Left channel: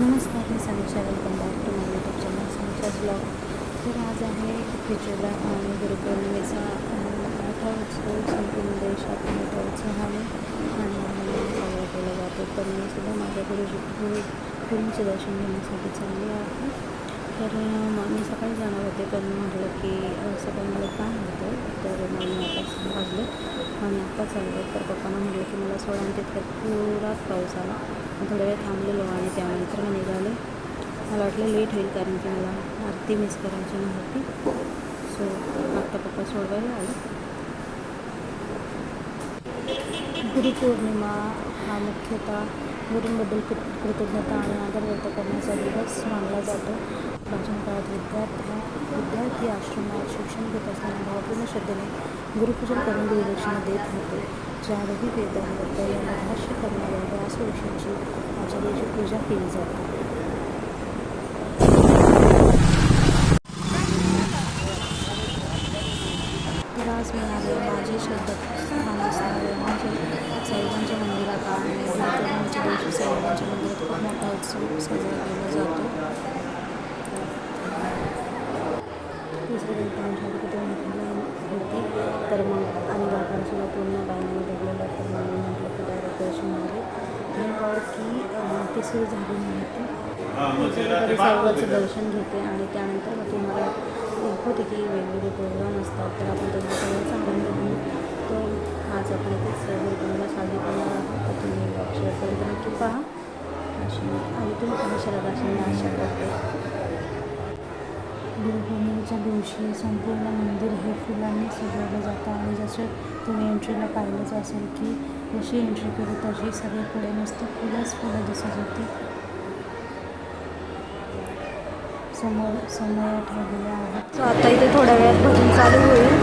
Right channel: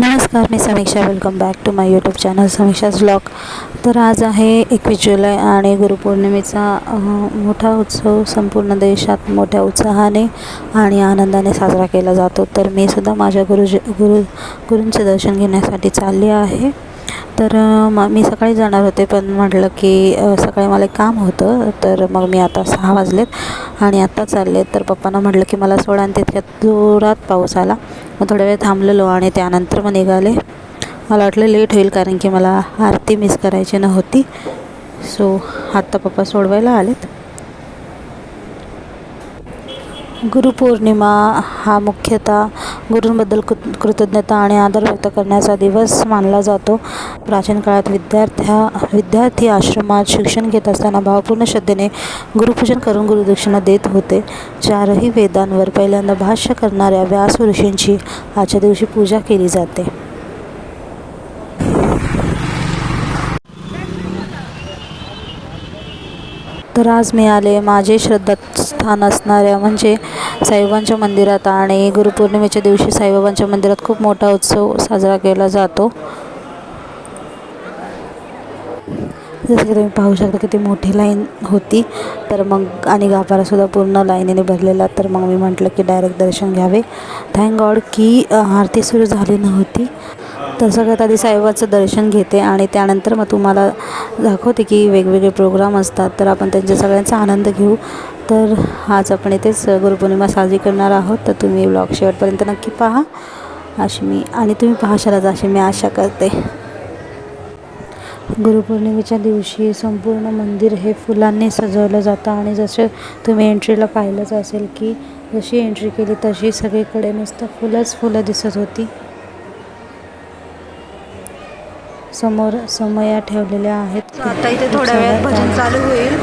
नमस्कार मी Samiksha. Welcome back to my YouTube channel Samiksha's blog तर आज आहे एकवीस जुलै आणि गुरुपौर्णिमेचा मोठा उत्सव. संपूर्ण देशात मोठ्या उत्साहाने आणि आनंदाने साजरा केला जातो. तर मी सुद्धा माझ्या गुरुजी गुरु गुरूंचे दर्शन घेण्यासाठी चालली आहे. तर मी सकाळी जाणार होते पण म्हटलं की सकाळी मला एक काम होतं. तर मग मी आता सहा वाजलेत आणि आत्ता चालले तर पप्पांना म्हटलं की मला सोडा आणि तितक्यात जोरात पाऊस आला. मग थोड्या वेळ थांबलेलो आणि त्यानंतर मग निघाले. मला वाटलं लेट होईल कारण की मला आरती मिस करायची नव्हती. सो आत्ता पप्पा सोडवायला आलेत. गुरुपौर्णिमा हा मुख्यतः गुरूंबद्दल कृ कृतज्ञता आणि आदर व्यक्त करण्याचा दिवस मानला जातो. प्राचीन काळात विद्यार्थ्या विद्यार्थी आश्रमात शिक्षण घेत असताना भावपूर्ण श्रद्धेने गुरुपूजन करून गुरुदक्षिणा देत होते. चारही वेदांवर पहिल्यांदा भाष्य करणाऱ्या व्यास ऋषींची आजच्या दिवशी पूजा केली जाते. तर आज मी आले माझे श्रद्धास्थान असणाऱ्या म्हणजे साईबाबांच्या मंदिरात आणि गुरुपौर्णिमेच्या दिवशी साईबाबांच्या मंदिरात खूप मोठा उत्सव साजरा केला जातो. जसं की तुम्ही पाहू शकता किती मोठी लाईन होती. तर मग आणि गाभारासुद्धा पूर्ण लाईनीने भरलेला. तर मग मी म्हटलं की डायरेक्ट दर्शन घ्यावे. थँक गॉड की आरती सुरू झाली नव्हती. तर सगळ्यात आधी साईबाबाचं दर्शन घेते आणि त्यानंतर मग तुम्हाला दाखवते की वेगवेगळे प्रोग्राम असतात. तर आपण त्यांच्या सगळ्यांचा आनंद घेऊ. तर आज आपण इथेच गुरुपौर्णिमा साजरी करणार आहोत. तर तुम्ही ब्लॉग शेवटपर्यंत नक्की पहा. अशी मी आणि तुम्ही पाहशालाच अशी मी आशा करते. गुरुपौर्णिमेच्या दिवशी संपूर्ण मंदिर हे फुलांनी सजवलं जातं आणि जसं तुम्ही एंट्रीला पाहिलंच असेल की जशी एंट्री केली तशी सगळीकडे नुसतं फुलंच फुलं दिसत होती. समोर समया ठेवलेल्या आहेत. आता इथे थोड्या वेळात भजन चालू होईल.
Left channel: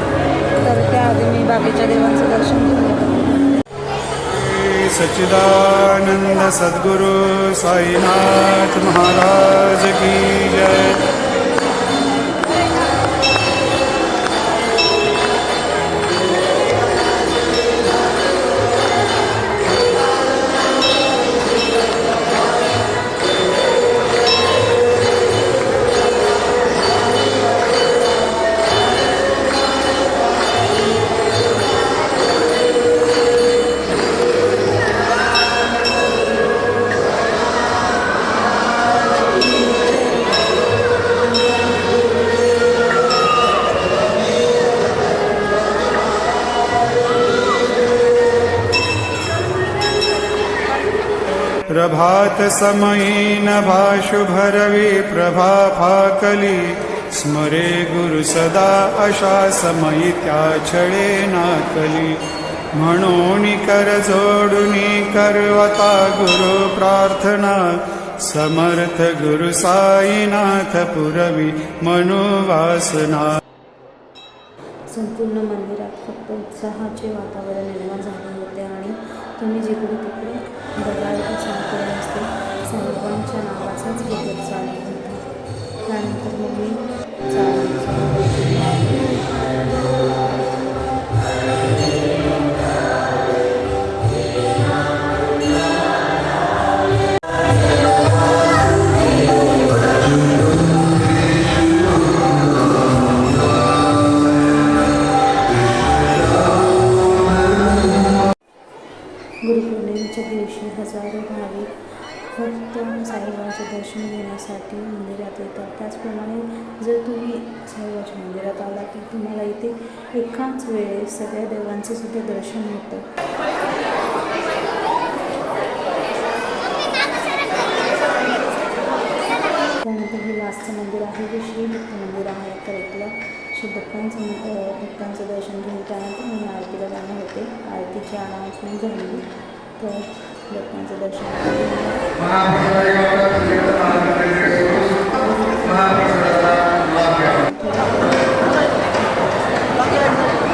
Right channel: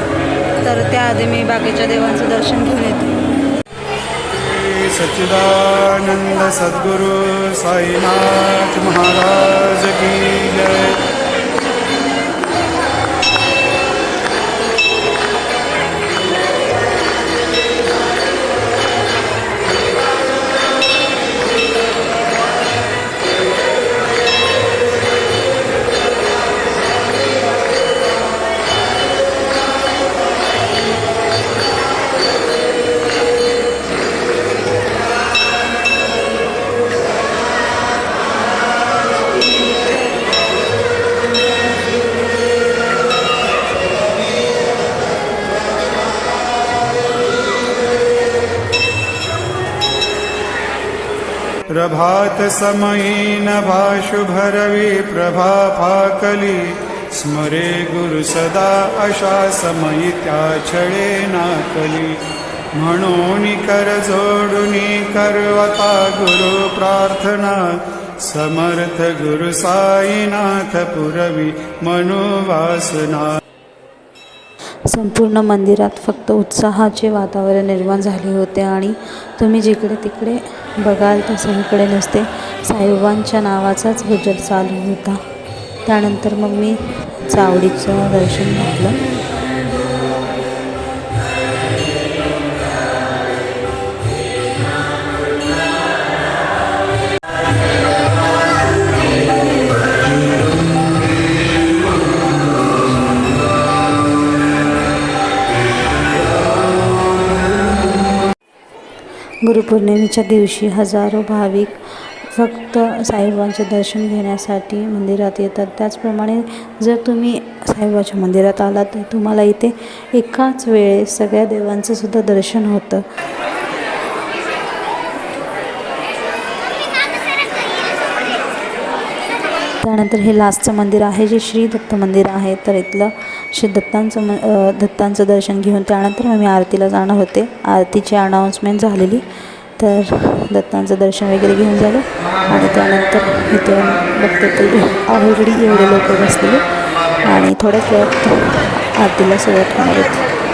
तर त्याआधी मी बाकीच्या देवांचं दर्शन घेऊन येते. सच्चिदानंद सद्गुरु साईनाथ महाराज की जय. समयी भाषुभरवी प्रभा फाकली। स्मरे गुरु सदा अशा समयी त्या छळे नाकली म्हणून कर जोडुनी करवता गुरु प्रार्थना। समर्थ गुरु साईनाथ पुरवी मनोवासना। संपूर्ण मंदिरात फक्त उत्साहाचे वातावरण निर्माण झाले होते आणि तुम्ही जिकडे तिकडे बघाल तर सगळीकडे नसते. साईबाबांच्या नावाचाच गुजर चालू होता. त्यानंतर मग मी चावडीचं दर्शन घेतलं. पौर्णिमेच्या दिवशी हजारो भाविक फक्त साईबाबांचे दर्शन घेण्यासाठी मंदिरात येतात. त्याचप्रमाणे जर तुम्ही साईबाबाच्या मंदिरात आलात तर तुम्हाला इथे एकाच वेळेस सगळ्या देवांचं सुद्धा दर्शन होतं. त्यानंतर हे लास्टचं मंदिर आहे जे श्री दत्त मंदिर आहे. तर इथलं श्री दत्तांचं म दत्तांचं दर्शन घेऊन त्यानंतर आम्ही आरतीला जाणार होते. आरतीची अनाऊन्समेंट झालेली. तर दत्तांचं दर्शन वगैरे घेऊन झालं. आणि त्यानंतर इथं बघते तर एवढे लोक बसले आणि थोड्याच वेळात आरतीला सुरुवात करतात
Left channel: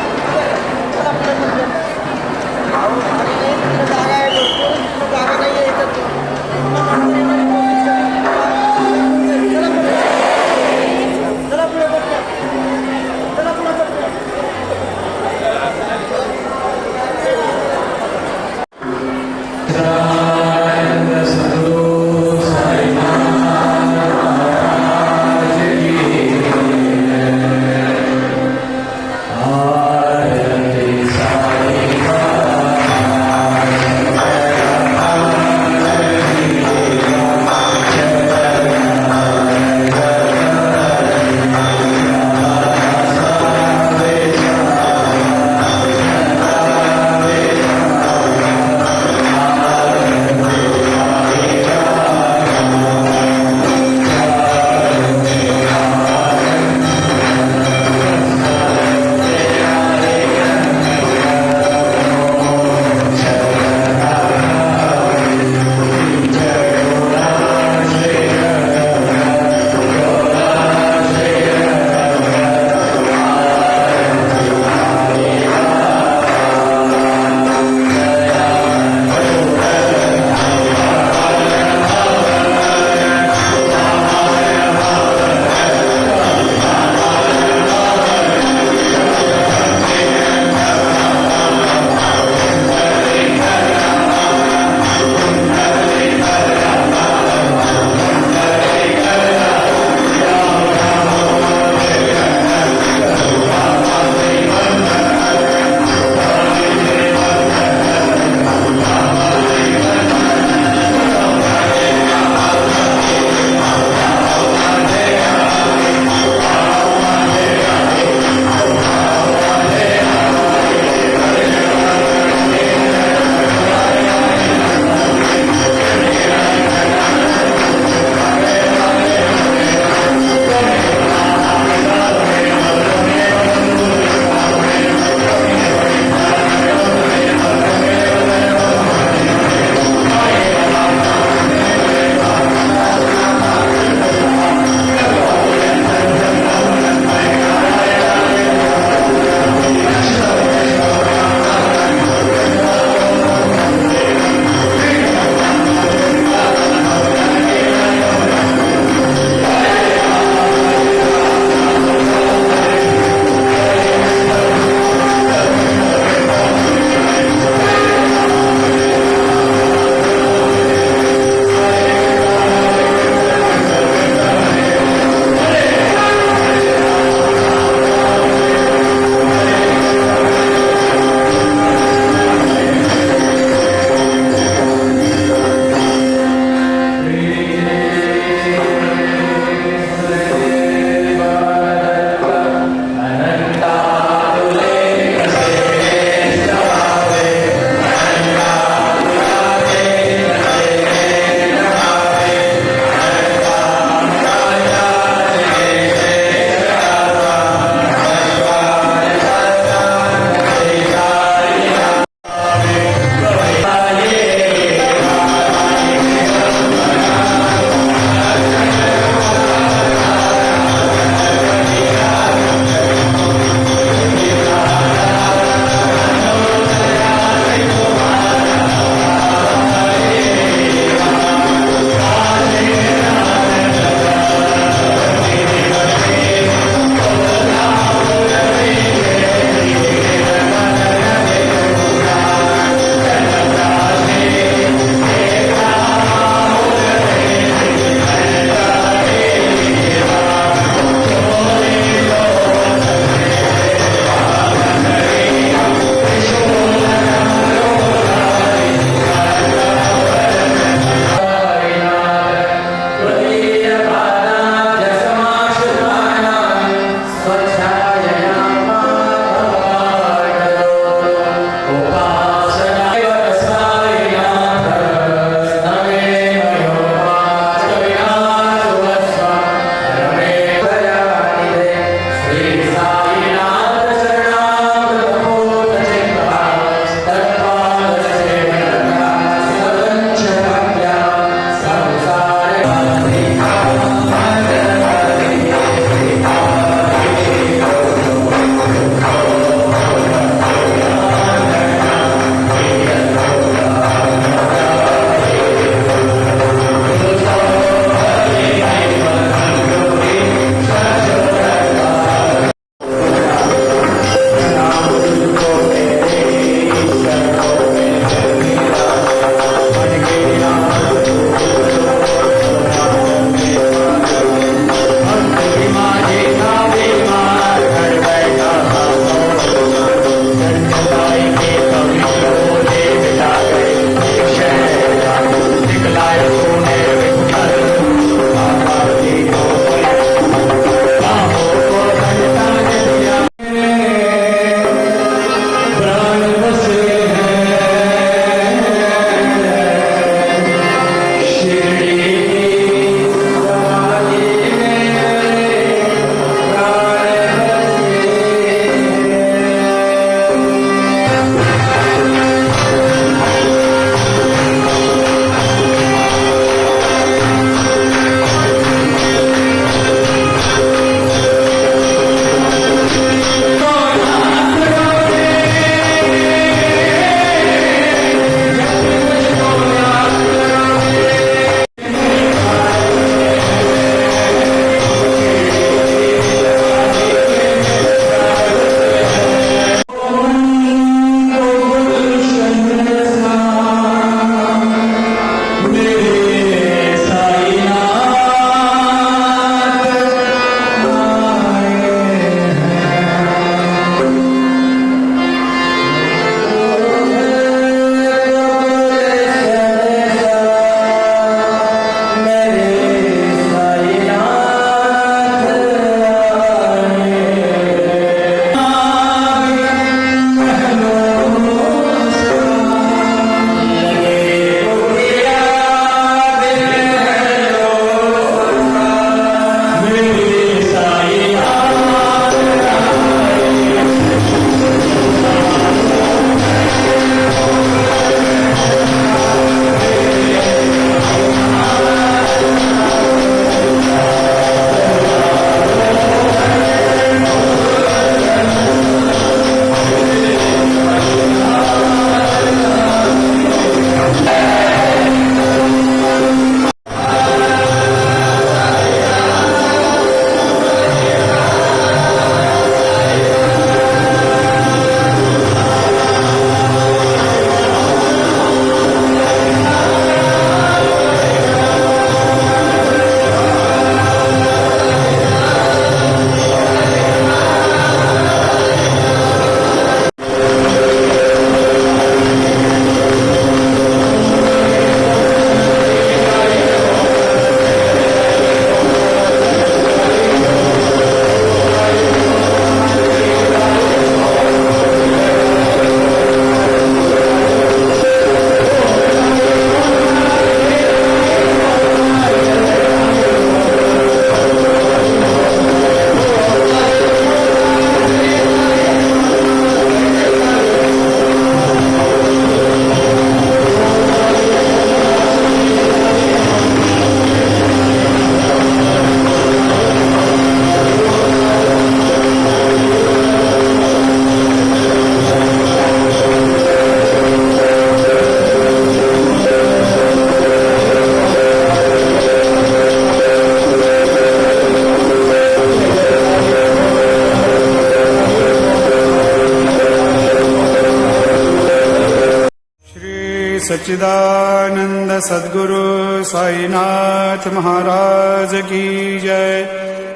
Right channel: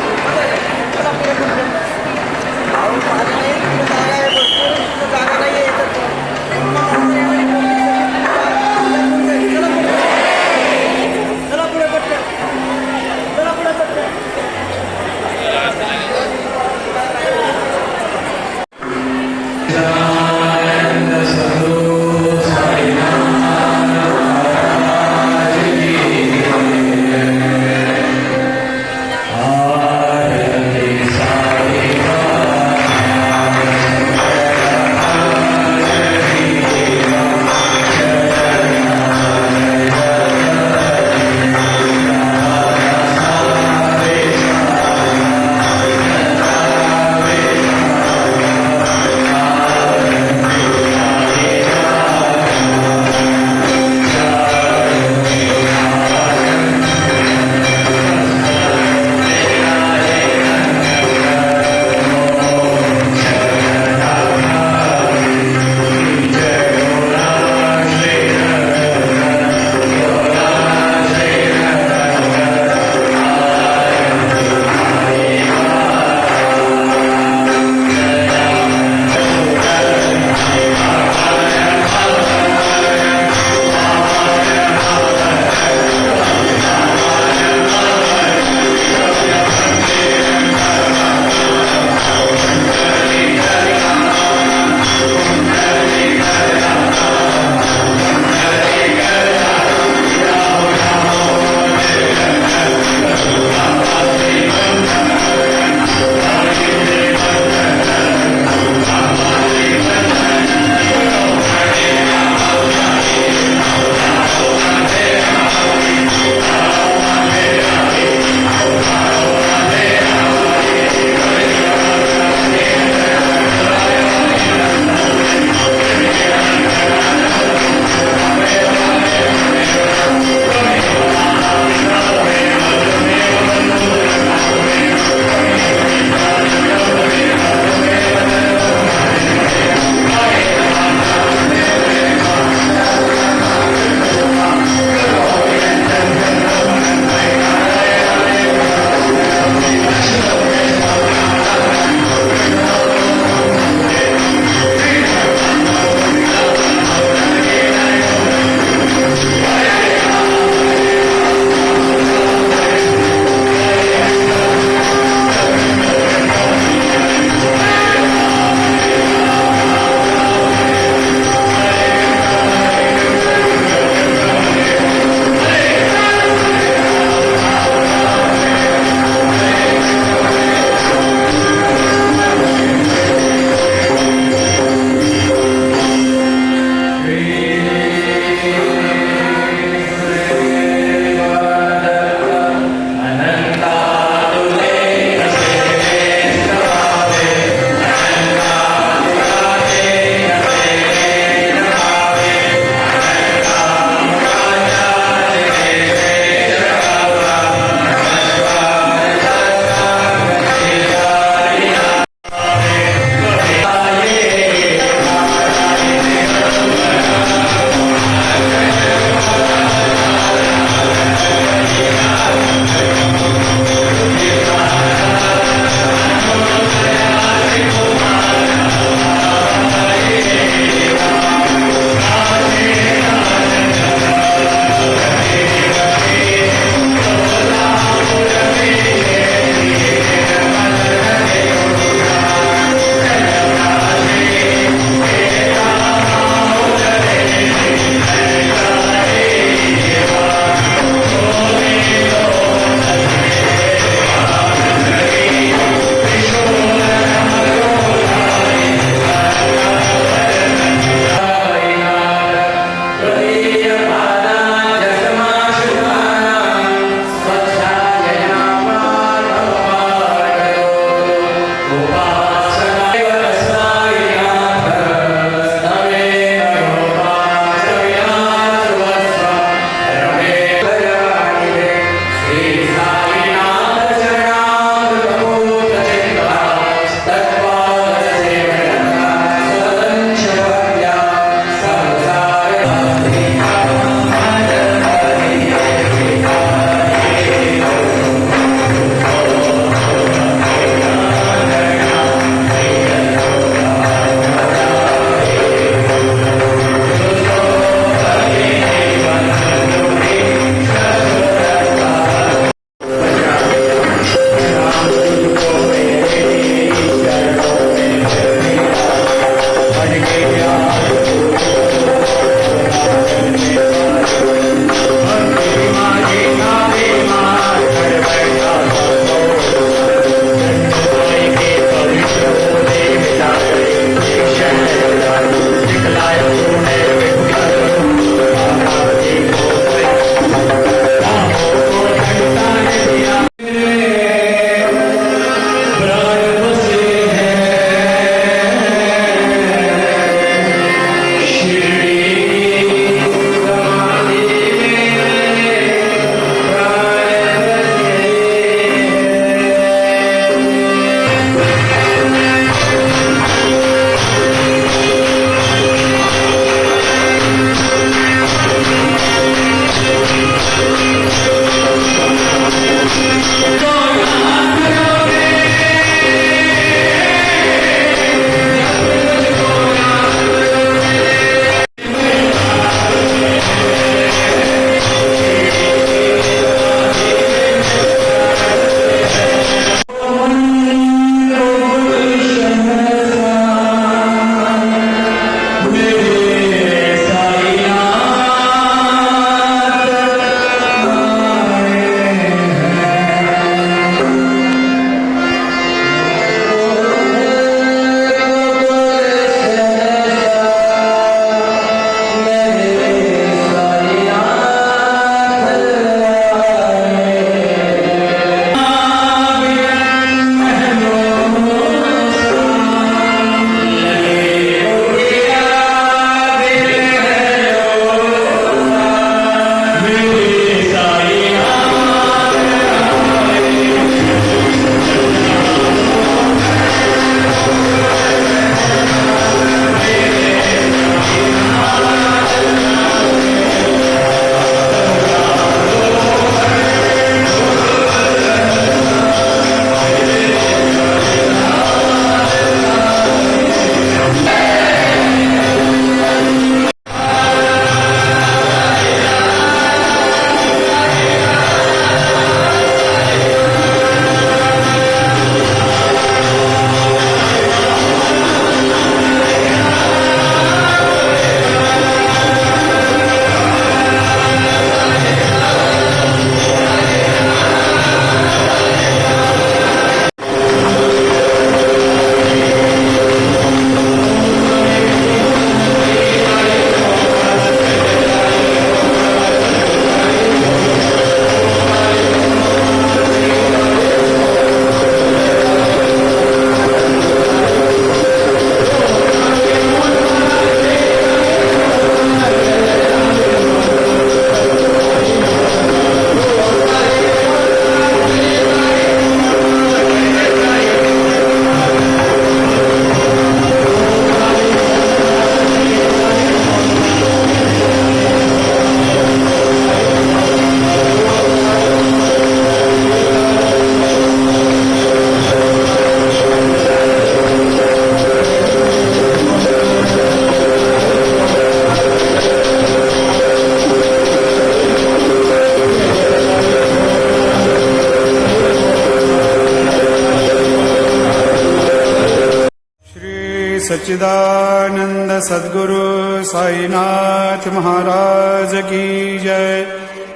सच्चिदानंद सद्गुरु साईनाथ महाराज की जय।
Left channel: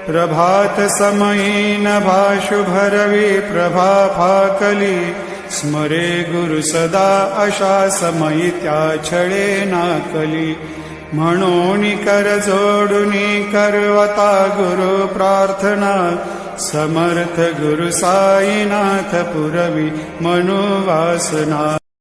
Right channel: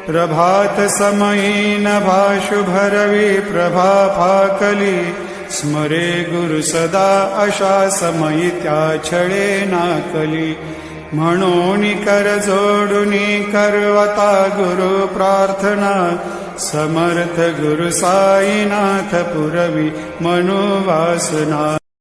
प्रभात समयी नभा शुभरवी प्रभा फाकली स्मरे गुरु सदा अशा समयी त्या छळे नाकली म्हणून कर जोडून करवता गुरु प्रार्थना समर्थ गुरु साईनाथ पुरवी मनोवासना